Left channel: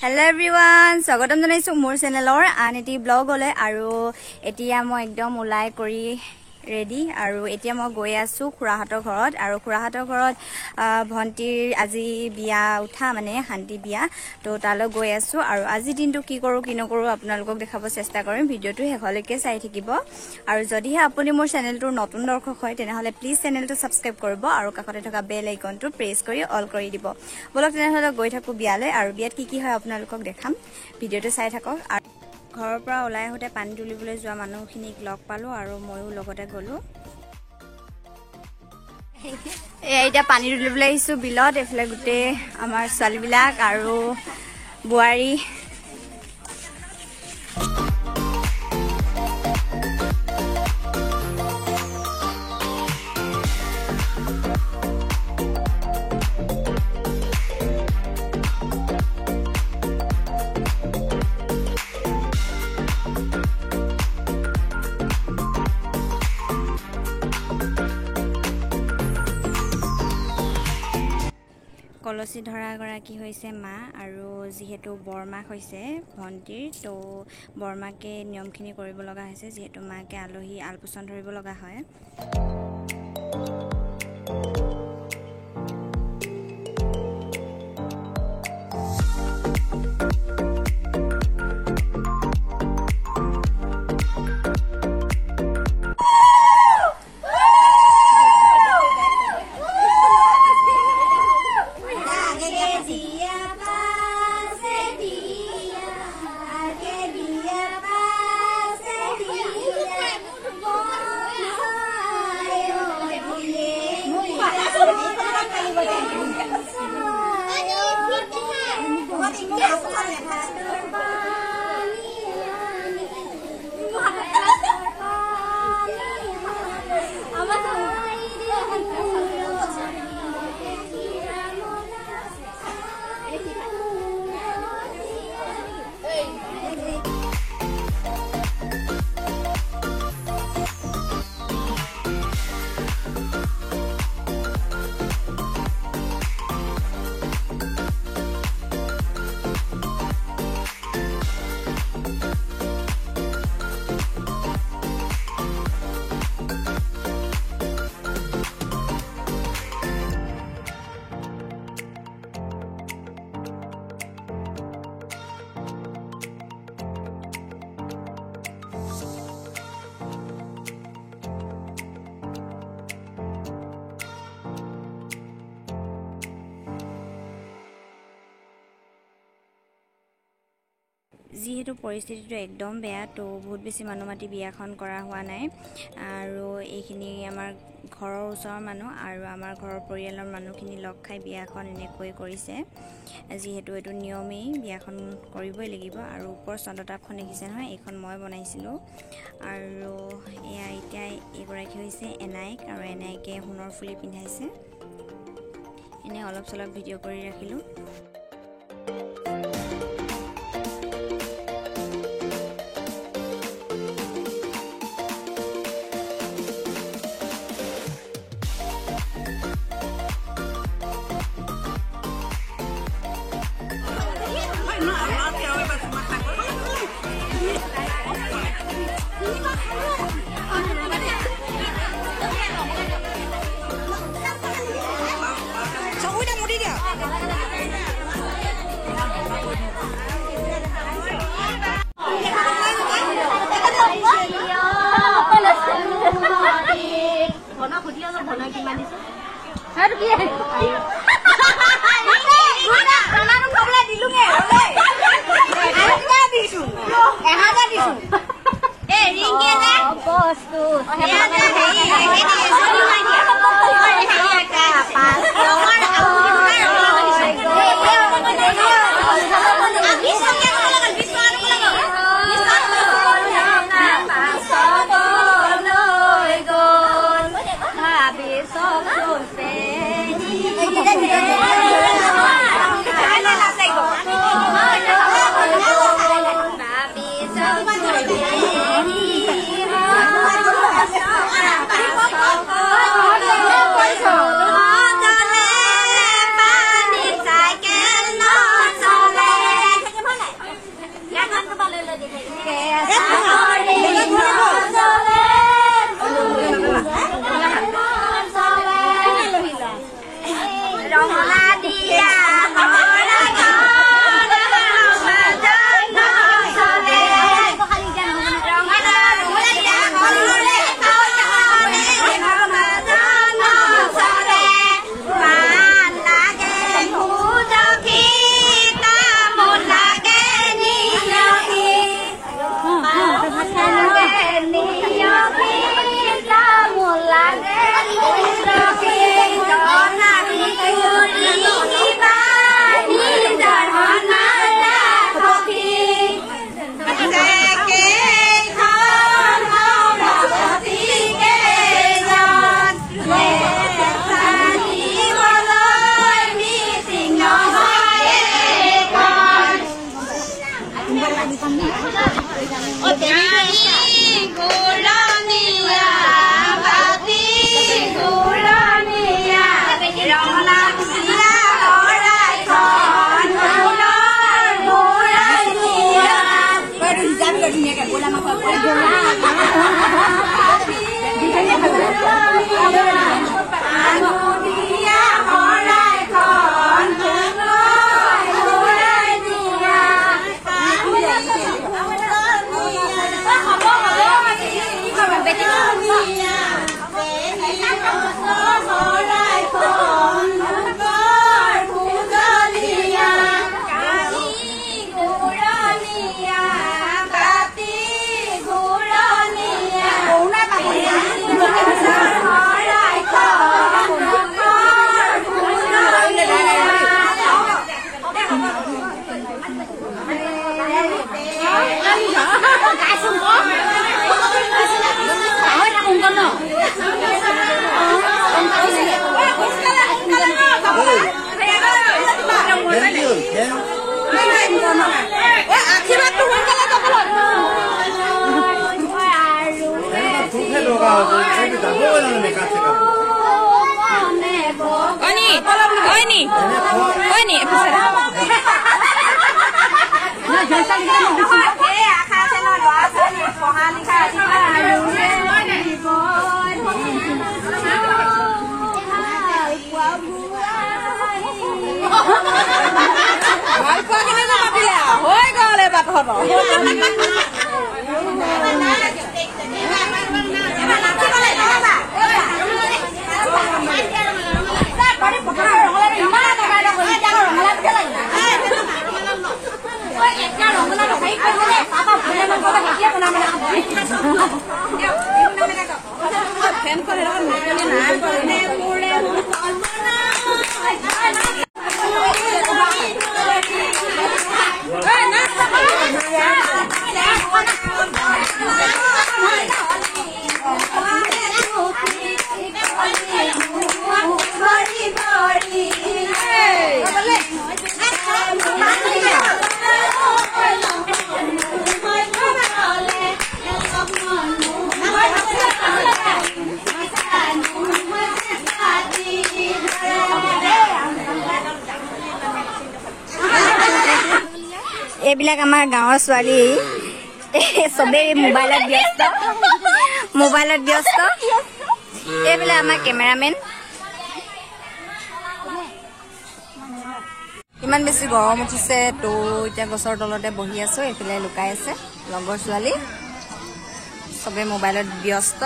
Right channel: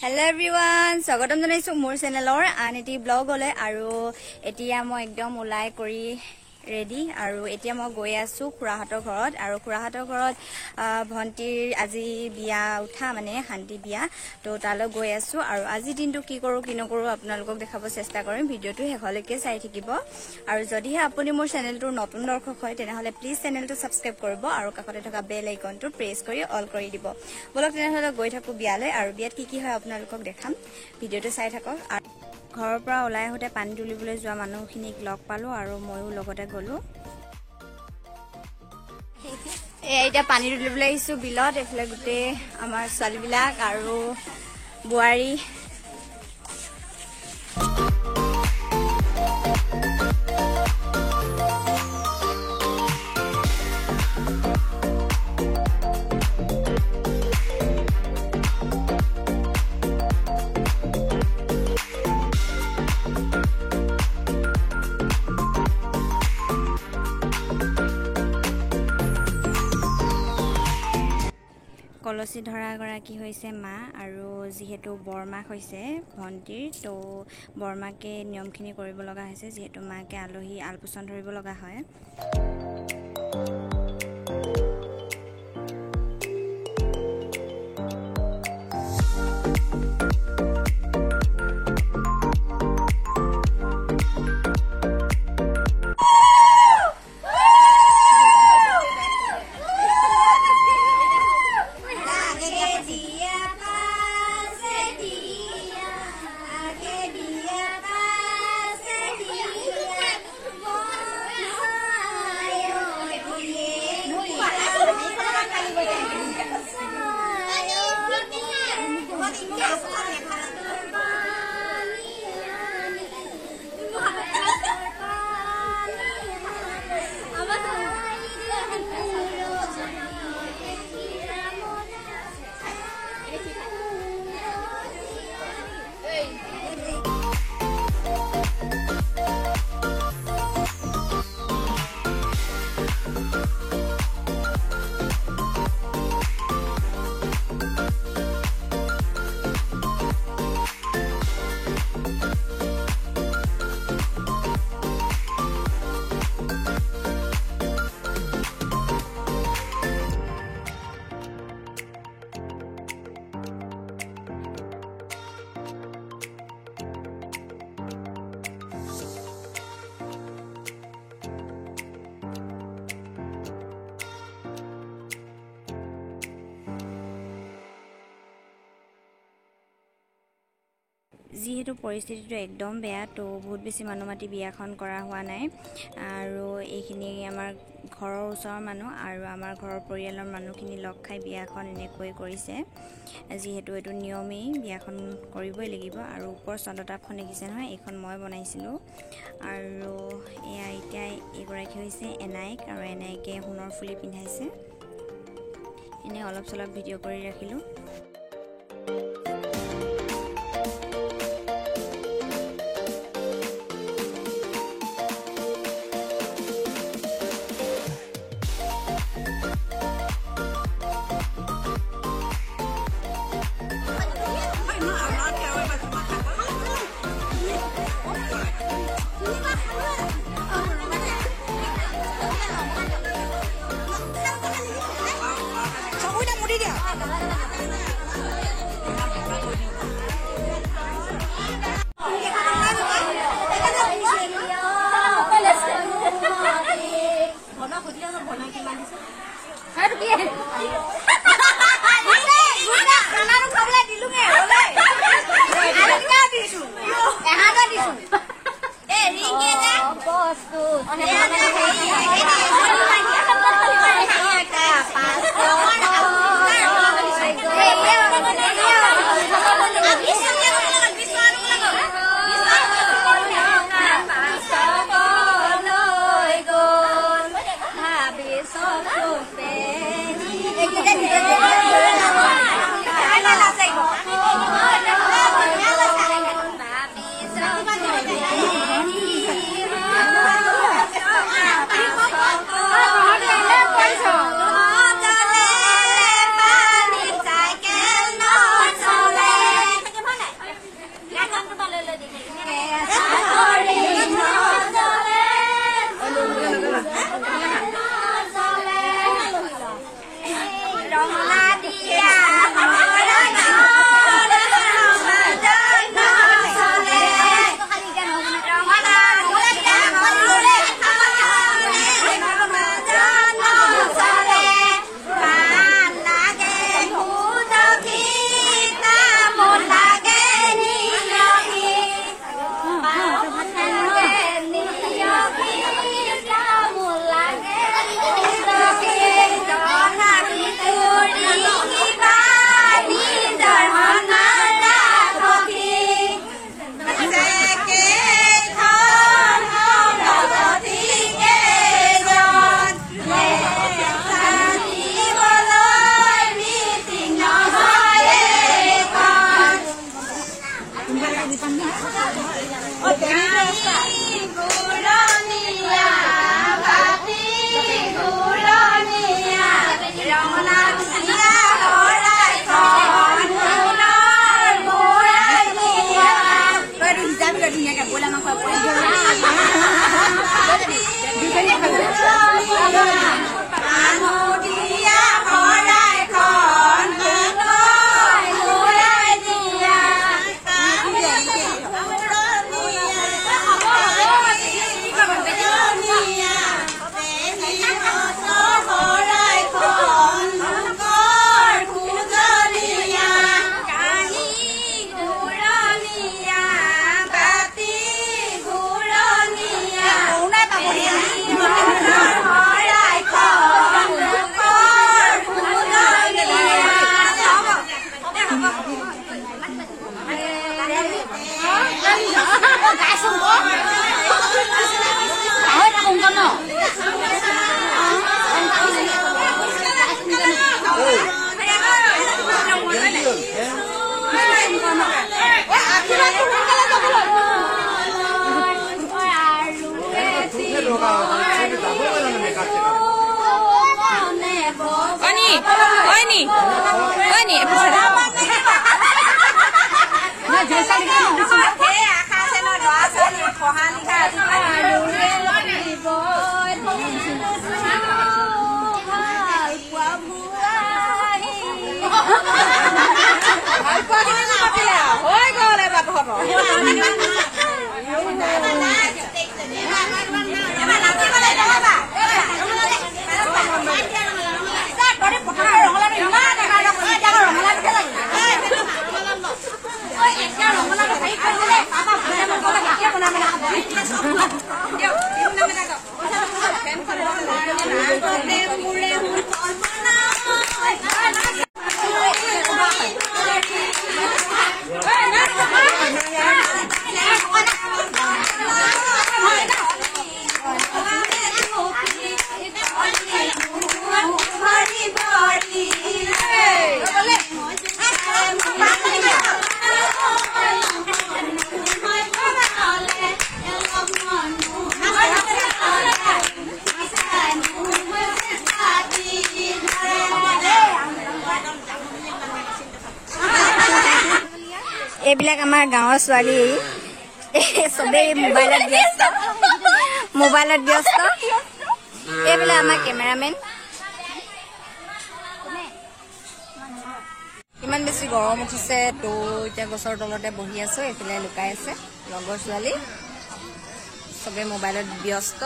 Hello everyone, স্বাগতম জনাইছো মোৰ চেনেলৰ আন এটি ব্লগলৈ আৰু এতিয়া মই একদম উলাই কৰি ৰেডি আৰু এতিয়া মই গৈ আছো খুৰাহাটৰ ঘৰত আৰু খুৰাহাটৰ ঘৰত ভন্টিৰ আজি বিয়া উঠা মানে শান্তি বিয়া তো তালৈ গৈ আছো আৰু আজি দিনটো কি কৰো কি নকৰো আপোনালোকক দেখাব চেষ্টা কৰিম ভিডিওটো শেষলৈকে চাই থাকিব আৰু যদিহে আপুনি মোৰ চেনেলটোৰ নতুন দৰ্শক হয় তেনেহলে প্লিজ চেনেলটো সাবস্ক্ৰাইব কৰিব আৰু কাষতে থকা বেল আইকনটো প্ৰেছ কৰি অল কৰি দিব বলক তেনেহলে গৈ থাকো বিয়ালৈ আৰু বিয়াত কি হয় আপোনালোকক দেখাম ভিডিওটো চাই থাকক আৰু ঘৰৰ পৰা ওলাই হতে পানী তুলিবলৈ যোৱা মানুহখিনিক লগ পালো আৰু ময়ো লগতে গলো এতিয়া পানী তুলিবলৈ আহিছো বিলত এফালে গুটে আমাৰ ছোৱালীবিলাক আৰু বুৱাৰী কলসী ধৰা গৰাকী হৈছে মা আৰু যেহেতু বৰমাক হৈছে ভন্টিৰ তো বৰমাকে নিয়মখিনি কৰিব লগা হৈছে যেহেতু মাকে আলহী আলপোচন ধৰিব লগা হয় যেহেতু পৰিস্থিতিটো একদম বেয়া তো বহুত বেছি মানুহ মাতি বিয়াখন কৰা হোৱা নাই আৰু এইখিনি আমাৰ ঘৰৰ ওচৰৰ মানুহ আৰু আমাৰ ঘৰৰ পৰিয়ালৰ মানুহখিনি লগ খাই বিয়াখন এনেকৈ কৰিছে যেহেতু এটো নিয়মেই বিয়াখন কৰিবই লাগিব আৰু ওপৰ চন্দতাপখন দেখিছে নহয় এইখন মই বনাইছিলো আৰু এয়া এতিয়া এগৰাকী হৈছে এনাইক আৰু এনাইকে সোণৰ ফুলি পিন্ধাইছে এনে অলপ চলপ ভিডিও কৰি ৰাখিলো এইবিলাক আমাৰ গাঁৱৰ ছোৱালী সবে মোবাইলত ব্যস্ত এইবিলাক আমাৰ কেমেৰামেন ইমান বেছি গৰম উঠিছে তো এতিয়া গছৰ তলতে বহি আছো এইফালে লুকাই আছে লগৰ ছোৱালী সবে মোবাইলত ব্যস্ত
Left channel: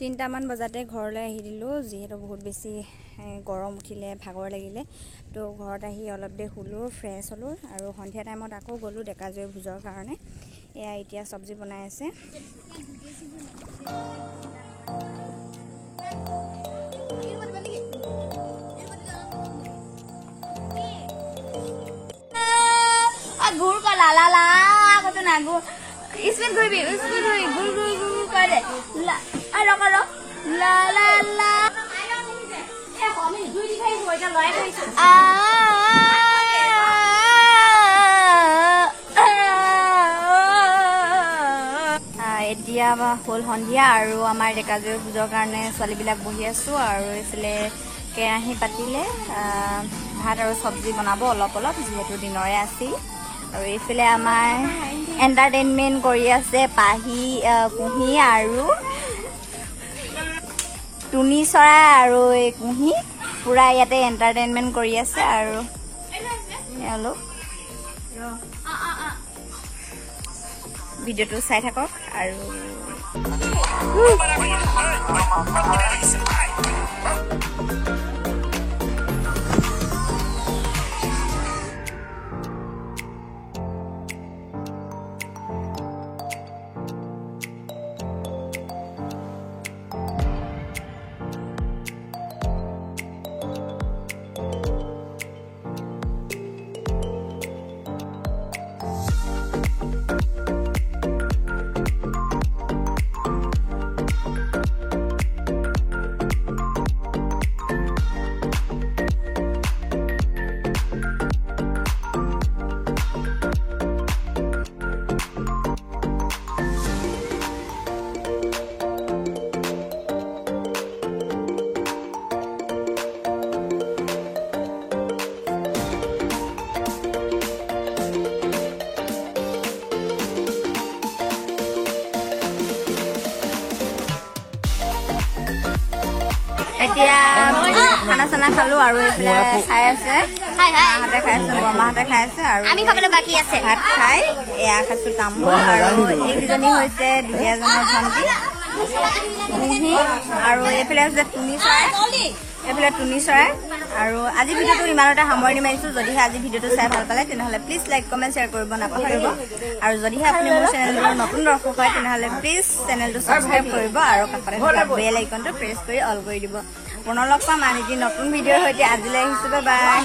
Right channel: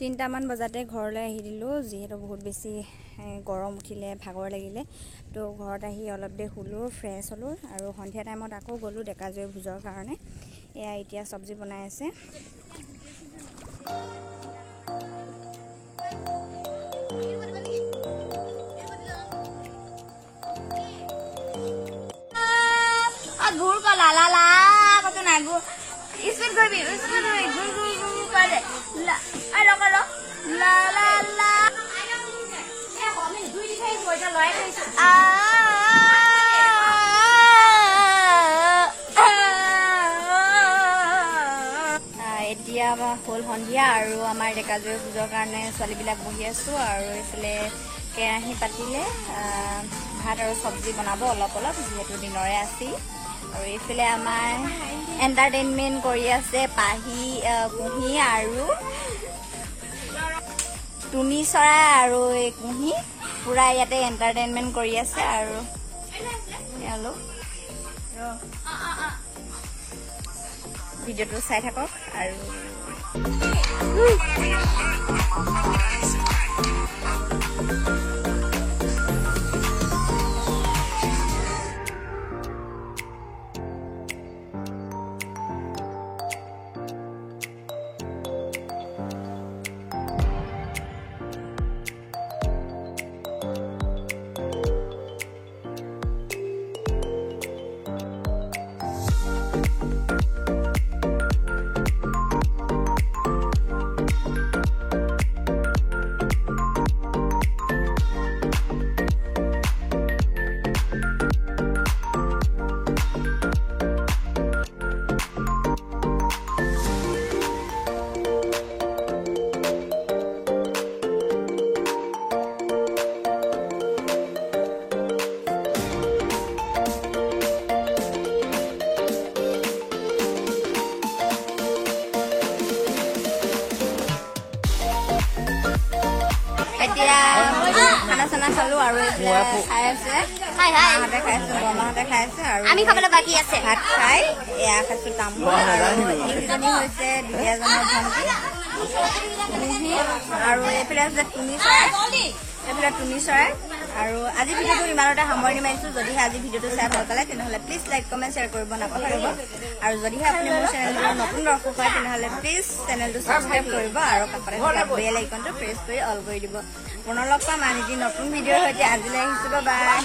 3টামান বজাতে ঘৰলৈ আহি দিলো যিহেতু বহুত বেছি গৰম উঠিলে ভাগৰ লাগিলে তো ঘৰত আহি অলপ দে শুলো ফ্ৰেছ হলো আৰু সন্ধিয়া টাইমত আকৌ গলো ডেকাজৈ ভোজৰ কাৰণে এয়া এতিয়া সবজি বনাই আছে गुड़ को ला ला ला कतो ना गुड़ इसमें गुड़ गुड़ करे ला अरे करो ला ला ला এতিয়া হল সন্ধিয়া আৰু আমাৰ ডেকাজৈ ভোজৰ কাৰণে ছোৱালীবিলাক বহি আছো আৰু এইফালে কেৰাহী পাতিলে ভাত আৰু সবজি বনাব অলপ অলপ যিহেতু দিনৰে আছিল আৰু এইফালে আমাৰ এন্টাৰটেইনমেন্ট কৰি আছে পাহি কুহি আৰু টুনি চৰাই আৰু এই কুহি পুৰা ইয়াতে এন্টাৰটেইনমেন্ট কৰি আছে আৰু হেল্ল ভিডিঅ'টো চাই থাকক আৰু এতিয়া খানা চানা খালো আৰু এতিয়া খাই আছে মাহঁতে খাই আছে বৰমাহঁতে খাই আছে আৰু ভাত খাই এয়া খাইছো তামোল আৰু এইকেইজনী হৈছে দুলীয়াজনৰ ভণ্টি আৰু এইফালে হৈছে টুনি চৰাই আৰু আজি ভিডিঅ'টো ইমানতে সামৰণি মাৰিছো যদিহে আজি ভিডিঅ'টো চাই ভাল পালে তেনেহ'লে প্লিজ লাইক কমেণ্ট শ্বেয়াৰ কৰিব নাপাহৰিব আৰু যদিহে আপুনি মোৰ চেনেলটোৰ নতুন দৰ্শক হয় তেনেহ'লে প্লিজ চেনেলটো ছাবস্ক্ৰাইব কৰিব আৰু কাষতে থকা বেল আইকনটো প্ৰেছ কৰি অল কৰি দিব পুনৰ লগ পাম আন এটি নতুন ভিডিঅ'ৰ সৈতে আজিলৈ আহিছো বাই